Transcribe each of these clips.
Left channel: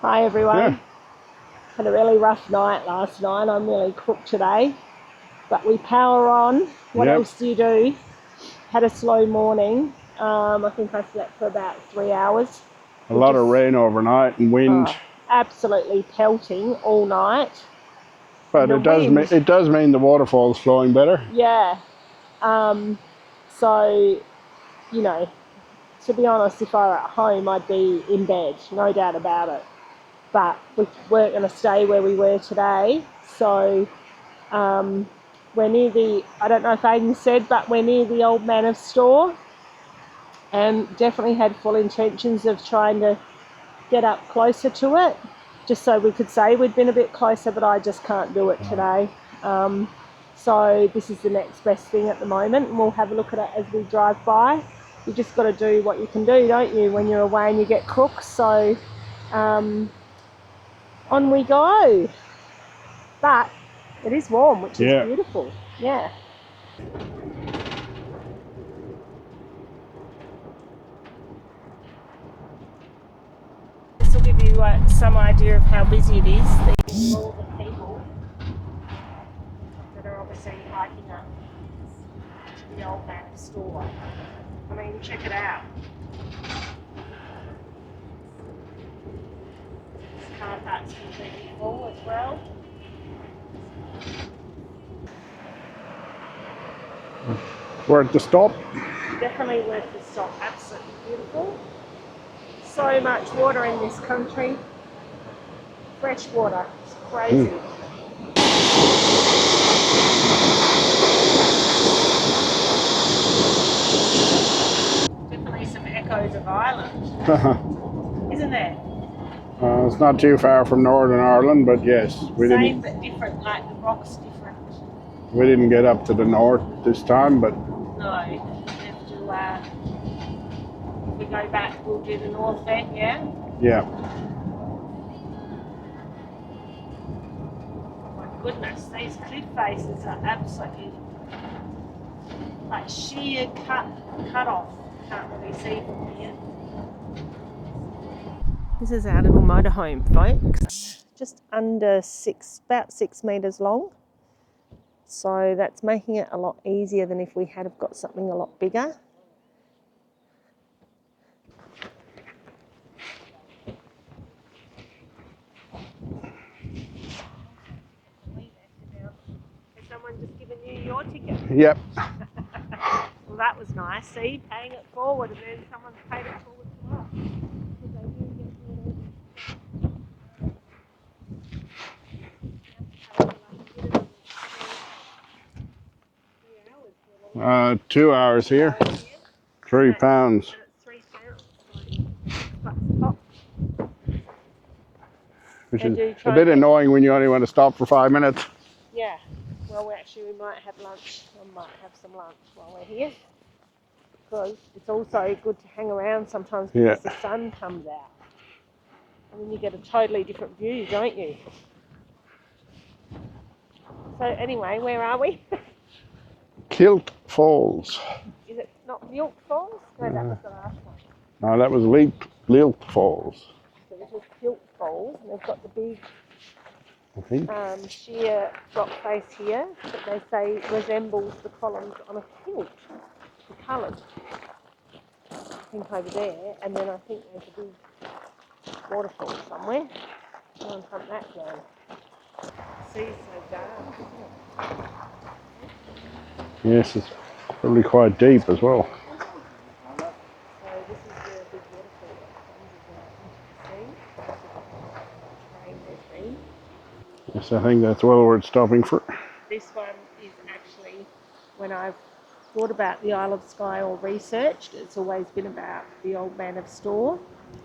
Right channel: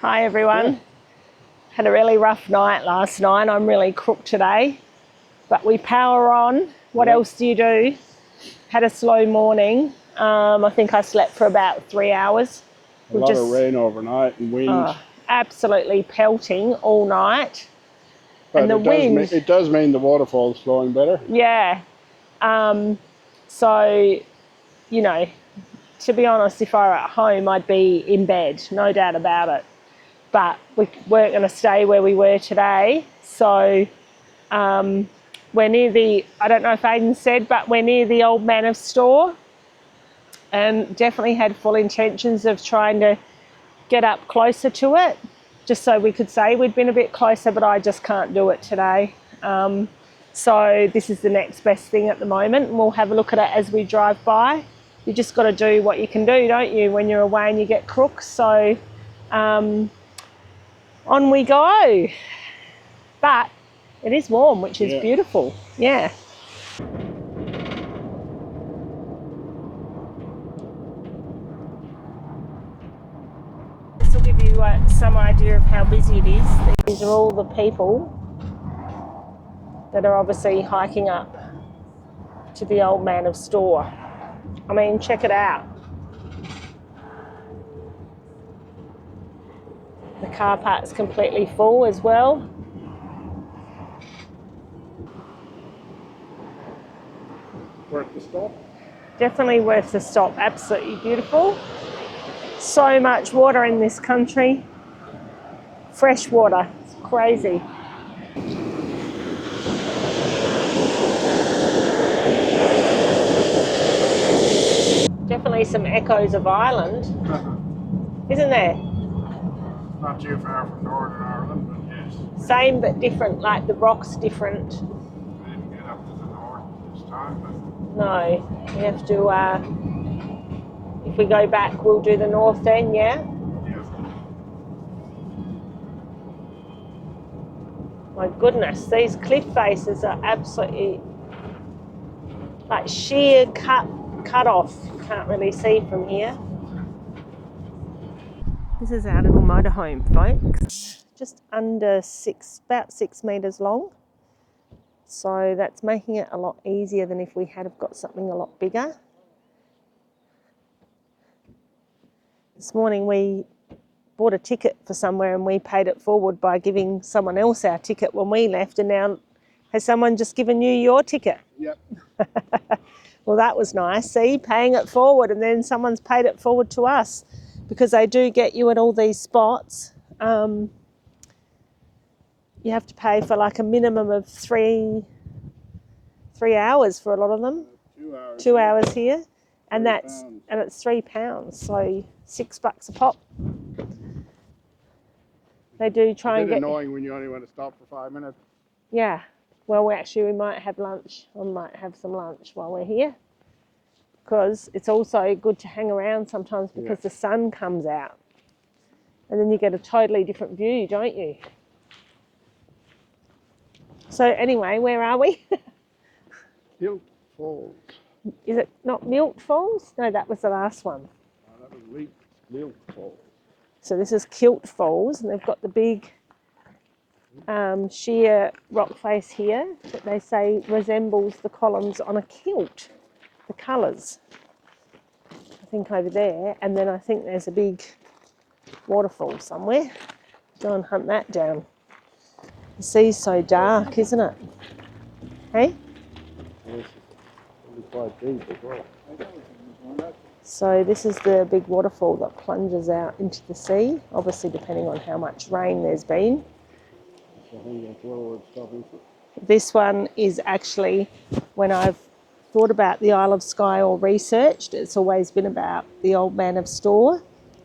Hi everyone. Yeah. Had a really rough night last night. I'm really crook today, but we power on. What else do you do? Had a slow morning. I think I slept for about 3 hours. A lot of rain overnight and wind. Absolutely pelting all night. But and the wind, it does mean the waterfall's flowing better. Yeah. So, you know, to be honest, if I were at home, I'd be in bed, no doubt about it. But we weren't going to stay where we were today. So we're near the, I don't know if Aidan said, but we're near the Old Manor store. And definitely had full intentions of trying to get up closer to it, just so we could say we'd been a bit closer, but I just can't do it today. So this is the next best thing at the moment, and we'll have a look at it as we drive by. You just got to do what you can do, don't you, when you're away and you get crooks. So on we go. But it is warm, which is beautiful. Yeah. This will give you some idea of how busy it is. These are all the people that are obviously hiking up to the Old Manor store. I mean, check it out. The car park's completely full as well. Worth the stop. Definitely worth the stop. Absolutely beautiful. So much water in this country. Fresh water. It's crazy. Definitely some echoes of Ireland, isn't there? It's not too far from Northern Ireland, but yes. Same but different, like the rock's different. We didn't get up to the north this time, but... No, we have to, if we go back, we'll do the north then, yeah? Yeah. My goodness, these cliff faces are absolutely like sheer cut off. Can't really see from here. This is our little motorhome, folks. Just under about 6 metres long. So that's making it a lot easier than if we had have got something a lot bigger. This morning we bought a ticket for somewhere and we paid it forward by giving someone else our ticket when we left, and now has someone just given you your ticket? Yep. Well, that was nice. See, paying it forward and then someone's paid it forward to us, because they do get you at all these spots. You have to pay for like a minimum of three hours for a lot of them. 2 hours Two here. hours here. £3. And it's £3, so $6 a pop. Which is a bit annoying when you only want to stop for 5 minutes. Yeah. Well, we might have lunch. I might have some lunch while we're here, because it's also good to hang around sometimes because the sun comes out. And then you get a totally different view, don't you? So anyway, where are we? Kilt Falls. Is it not Mealt Falls? No, that was the last one. No, that was Leah Falls. So this is Kilt Falls, and they've got the big sheer rock face here. They say resembles the columns on a kilt, the colours. I think over there, and then I think there's a big waterfall somewhere. Go and hunt that down. The sea's so dark, isn't it? Hey? Yes, it's probably quite deep as well. So this is the big waterfall that plunges out into the sea, obviously depending on how much rain there's been. Yes, I think that's well worth stopping for. This one is actually, when I've thought about the Isle of Skye or researched, it's always been about the Old Manor store,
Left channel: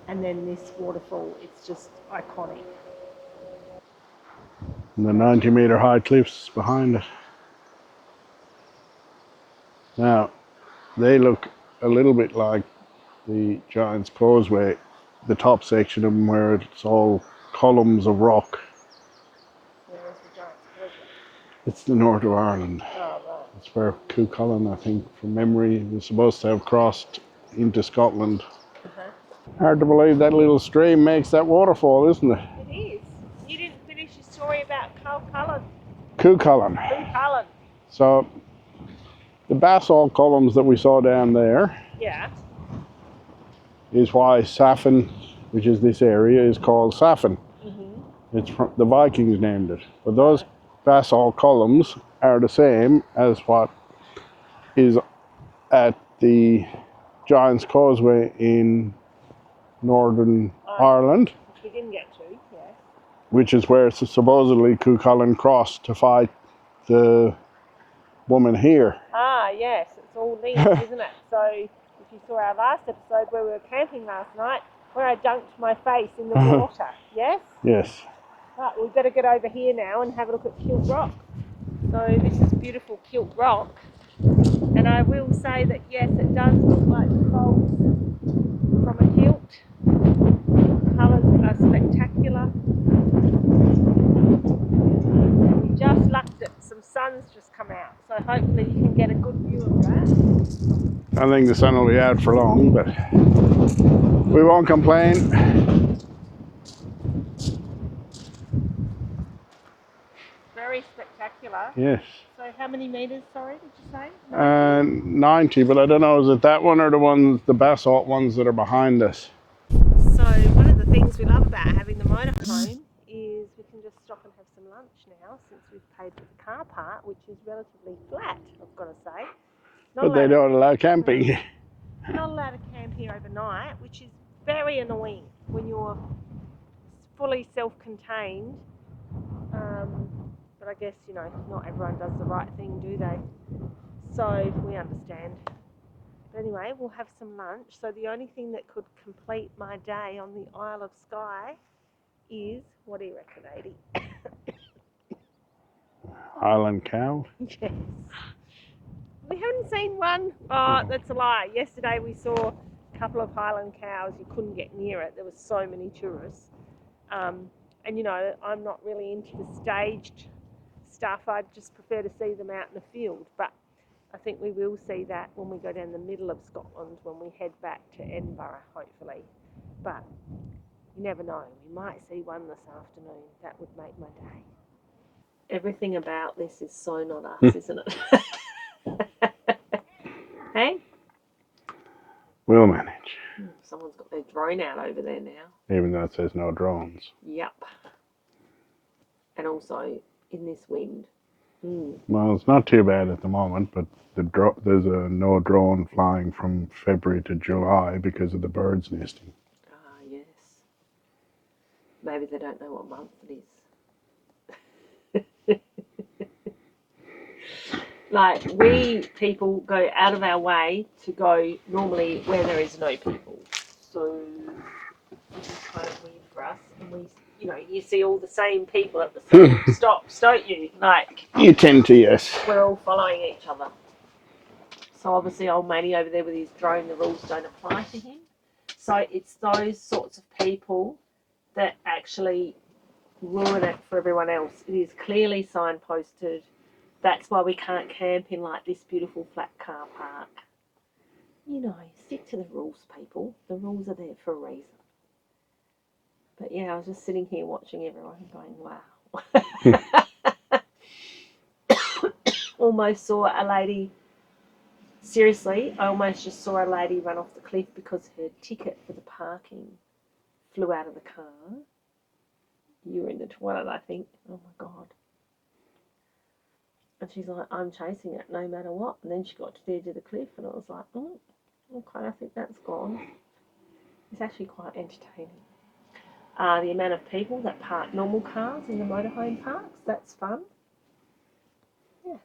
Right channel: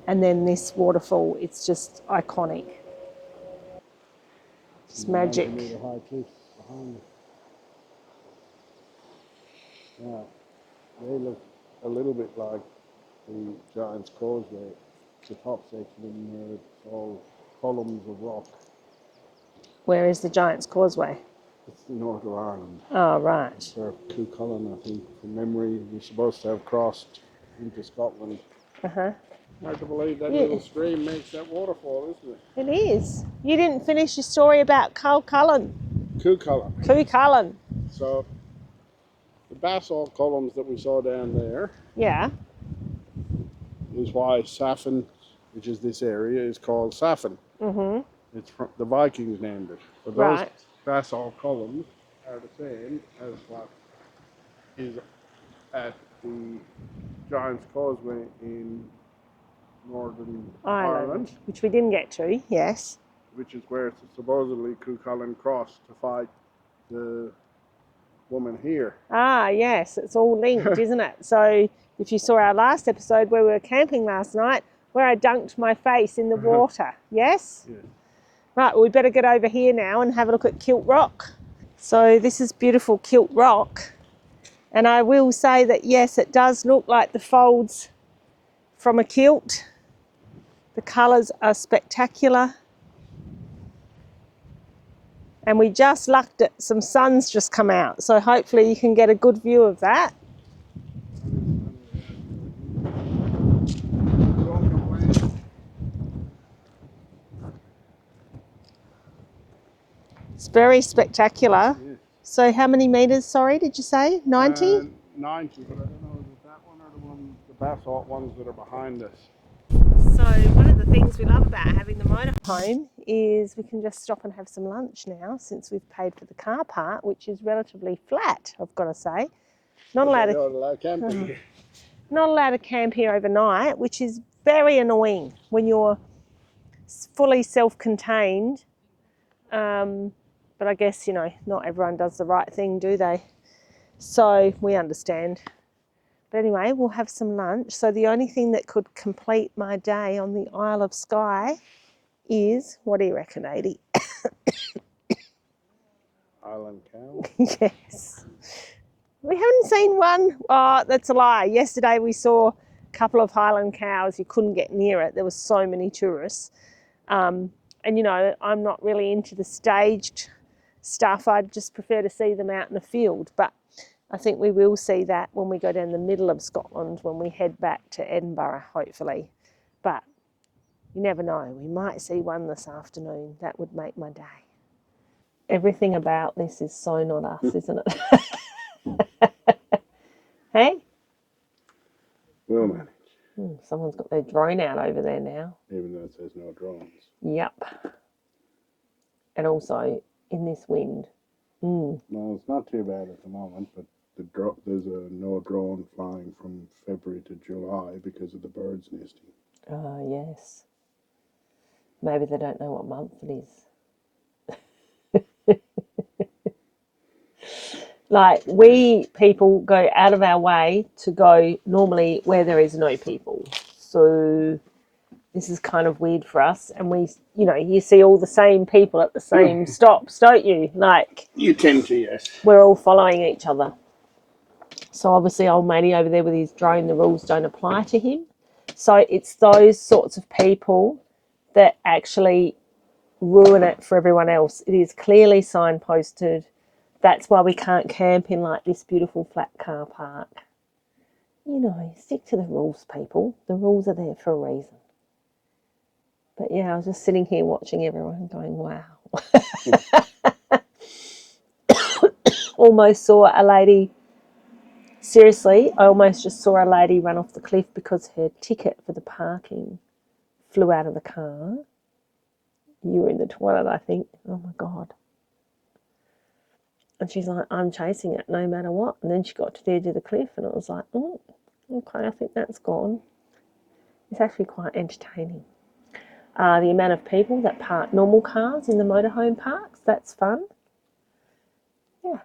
and then this waterfall, it's just iconic. And the 90-metre high cliffs behind it. Now, they look a little bit like the Giant's Causeway, the top section of them, where it's all columns of rock. Where is the Giant's Causeway? It's the north of Ireland. Oh, right. It's where Cuchulainn, I think, from memory, was supposed to have crossed into Scotland. Hard to believe that little stream makes that waterfall, isn't it? It is. You didn't finish your story about Cuchulainn. Cuchulainn. So the basalt columns that we saw down there, yeah, is why Saffin, which is this area, is called Saffin. It's from, the Vikings named it. But those basalt columns are the same as what is at the Giant's Causeway in Northern Ireland, which we didn't get to. Yes. Which is where supposedly Cuchulainn crossed to fight the woman here. Ah, yes, it's all linked, isn't it? So if you saw our last episode where we were camping last night, where I dunked my face in the water, yes? Yes. Right, well, we better get over here now and have a look at Kilt Rock. So this is beautiful Kilt Rock. And I will say that, yes, it does look like the folds from a kilt. The colours are spectacular. And we just lucked it, some sun's just come out, so hopefully you can get a good view of that. I think the sun will be out for long, but we won't complain. It's very spectacular. Yes. So how many metres, sorry, did you say? 90? 90, but I don't know, is it that one or the ones, the basalt ones that are behind us? So one of the things we love about having the motorhome is we can just stop and have some lunch now, since we've paid for the car park, which is relatively flat, I've got to say. But they don't allow camping. Not allowed to camp here overnight, which is very annoying when you're fully self-contained. But I guess, you know, not everyone does the right thing, do they? So we understand. But anyway, we'll have some lunch. So the only thing that could complete my day on the Isle of Skye is, what do you reckon, 80? Highland cow? Yes. We haven't seen one. Oh, that's a lie. Yesterday we saw a couple of Highland cows. You couldn't get near it. There were so many tourists. And, you know, I'm not really into the staged stuff. I'd just prefer to see them out in the field. But I think we will see that when we go down the middle of Scotland, when we head back to Edinburgh, hopefully. But you never know. We might see one this afternoon. That would make my day. Everything about this is so not us, isn't it? Hey? We'll manage. Someone's got their drone out over there now. Even though it says no drones. Yep. And also in this wind. Well, it's not too bad at the moment, but there's a no drone flying from February to July because of the birds nesting. Ah, yes. Maybe they don't know what month it is. Like, we people go out of our way to go normally where there is no people. So this is kind of weird for us. And we, you know, you see all the same people at the same stops, don't you? Like, you tend to, yes. We're all following each other. So obviously old matey over there with his drone, the rules don't apply to him. So it's those sorts of people that actually ruin it for everyone else. It is clearly signposted. That's why we can't camp in like this beautiful flat car park. You know, stick to the rules, people. The rules are there for a reason. But yeah, I was just sitting here watching everyone going, wow. Almost saw a lady, seriously, I almost just saw a lady run off the cliff because her ticket for the parking flew out of the car. You were in the toilet, I think. Oh my God. And she's like, I'm chasing it no matter what. And then she got to the edge of the cliff and it was like, oh, okay, I think that's gone. It's actually quite entertaining. The amount of people that park normal cars in the motorhome parks, that's fun. Yeah.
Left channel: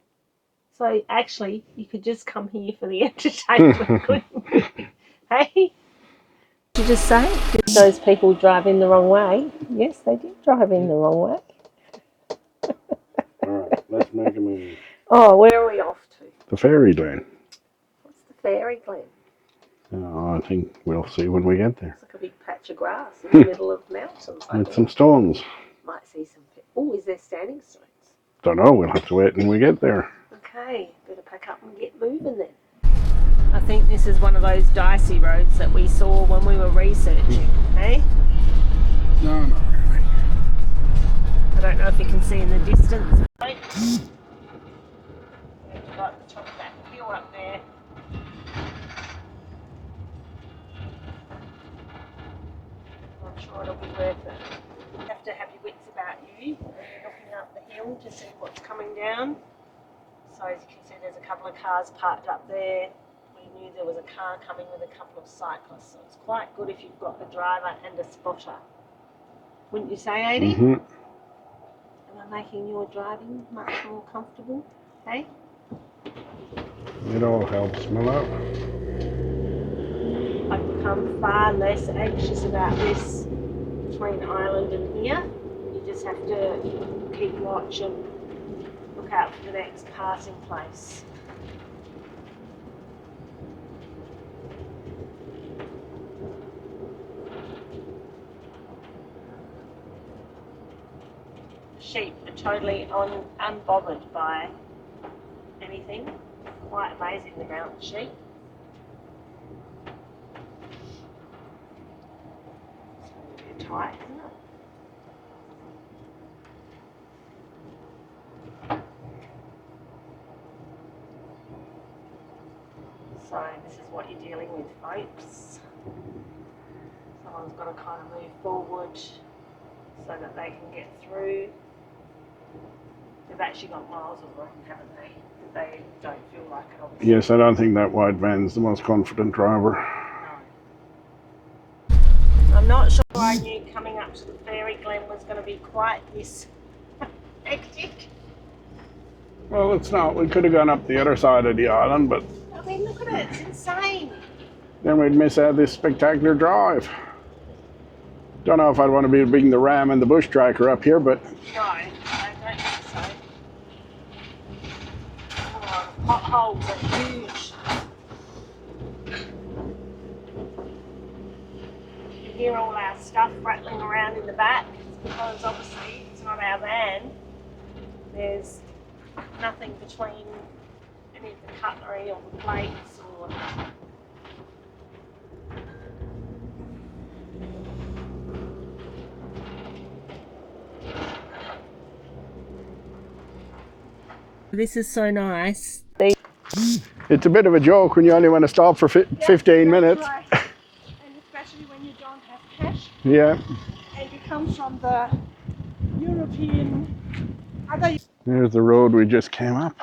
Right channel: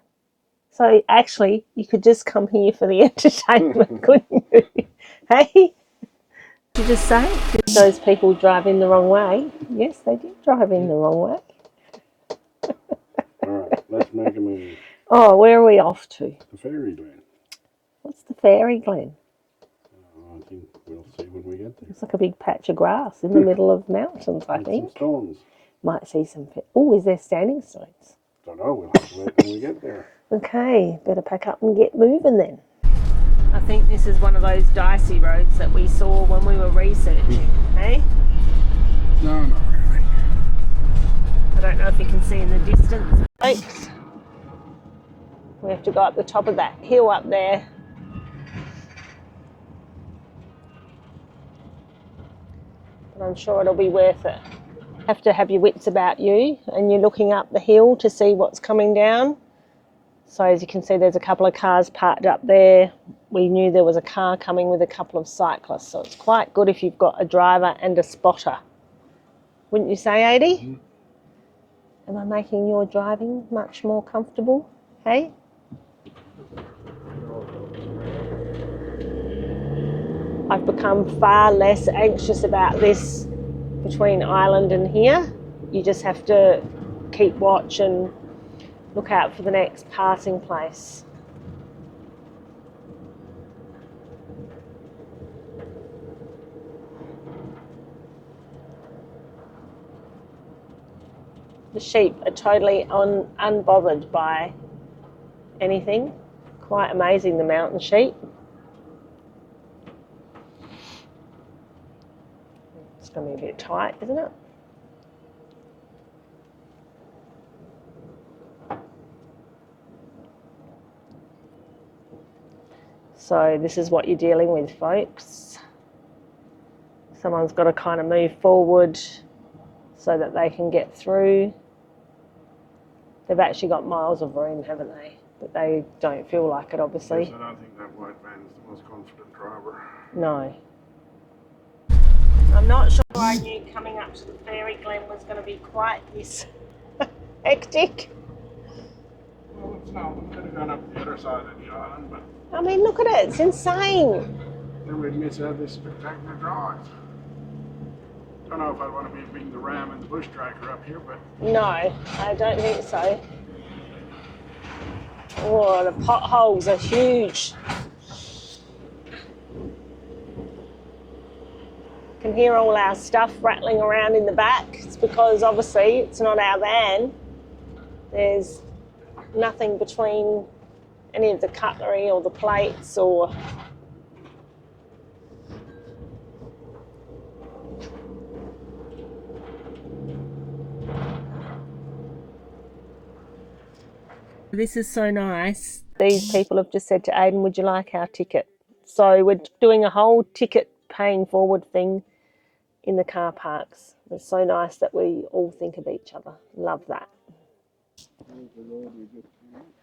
So actually, you could just come here for the entertainment, couldn't you? Hey? Did you just say? Did those people drive in the wrong way? Yes, they did drive in the wrong way. All right, let's make a move. Oh, where are we off to? The Fairy Glen. What's the Fairy Glen? Oh, I think we'll see when we get there. It's like a big patch of grass in the middle of mountains, I With think. some stones. Might see some... Oh, is there standing stones? Don't know, we'll have to wait when we get there. Okay, better pack up and get moving then. I think this is one of those dicey roads that we saw when we were researching, hey? No, not really. I don't know if you can see in the distance. We have to go up the top of that hill up there. And I'm sure it'll be worth it. Have to have your wits about you, and you're looking up the hill to see what's coming down. So as you can see, there's a couple of cars parked up there. We knew there was a car coming with a couple of cyclists, so it's quite good if you've got a driver and a spotter. Wouldn't you say, Adi? Mm-hmm. Am I making your driving much more comfortable? Hey? It all helps, my love. I've become far less anxious about this between Ireland and here. You just have to keep watch and look out for the next passing place. The sheep are totally unbothered by anything. Quite amazing, the mountain sheep. It's going to be a bit tight, isn't it? So this is what you're dealing with, folks. Someone's got to kind of move forward so that they can get through. They've actually got miles of room, haven't they? But they don't feel like it, obviously. Yes, I don't think that white van's the most confident driver. No. I'm not sure I knew coming up to the Fairy Glen was going to be quite this hectic. Well, it's not. We could have gone up the other side of the island, but... I mean, look at it. It's insane. Then we'd miss out this spectacular drive. Don't know if I'd want to be bringing the Ram and the bush tracker up here, but... No, I don't think so. Oh, the potholes are huge. You can hear all our stuff rattling around in the back. It's because obviously it's not our van. There's nothing between any of the cutlery or the plates or... This is so nice. These people have just said to It's a bit of a joke when you only want to stop for 15 minutes. doing a whole ticket paying forward thing in the car parks. It's so nice that we all think of each other. Love that. There's the road we just came up.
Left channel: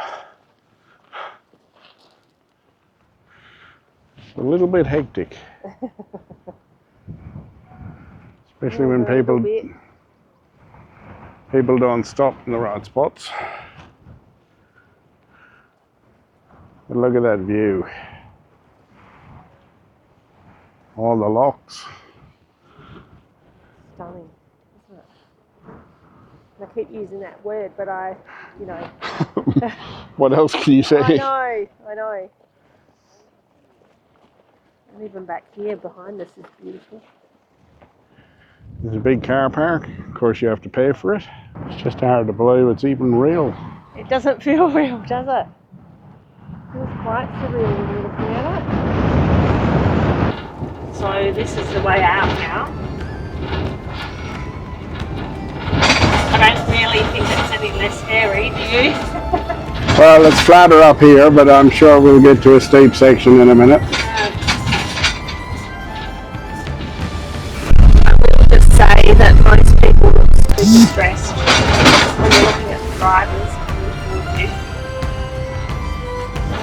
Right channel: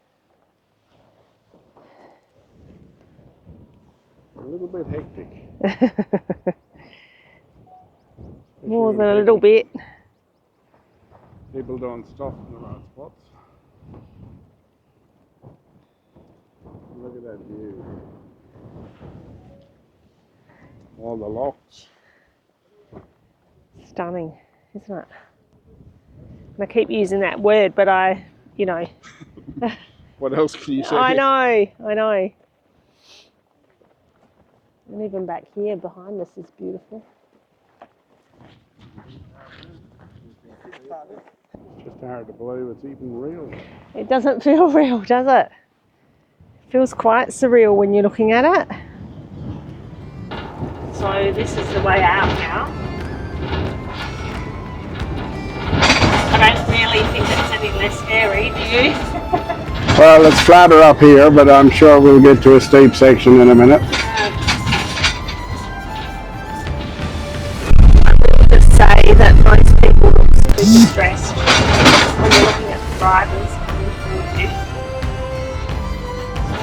It's a little bit hectic. Especially when people don't stop in the right spots. But look at that view. All the locks. Stunning, isn't it? And I keep using that word, but you know. What else can you say? I know. And even back here behind us is beautiful. There's a big car park. Of course, you have to pay for it. It's just hard to believe it's even real. It doesn't feel real, does it? Feels quite surreal when you're looking at it. So this is the way out now. I don't really think it's any less scary, do you? Well, it's flatter up here, but I'm sure we'll get to a steep section in a minute. I will just say that most people look super stressed when you're looking at the drivers coming towards you.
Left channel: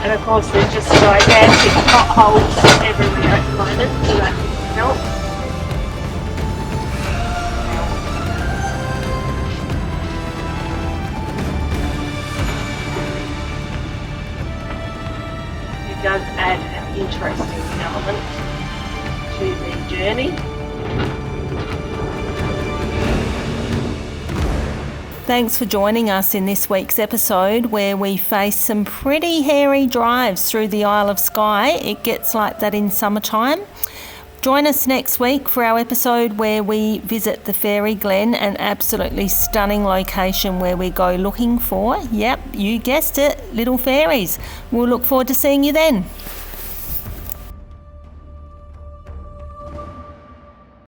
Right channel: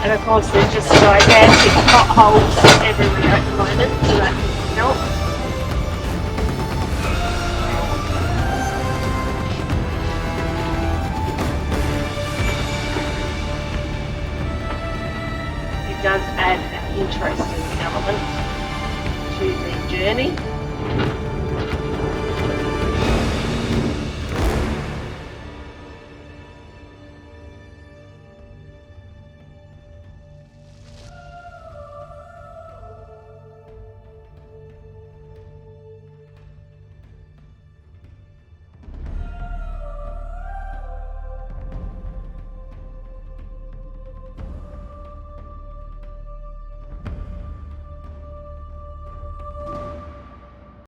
And of course there's just gigantic potholes everywhere at the moment, so that doesn't help. It does add an interesting element to the journey. Thanks for joining us in this week's episode where we face some pretty hairy drives through the Isle of Skye. It gets like that in summertime. Join us next week for our episode where we visit the Fairy Glen, an absolutely stunning location where we go looking for, yep, you guessed it, little fairies. We'll look forward to seeing you then.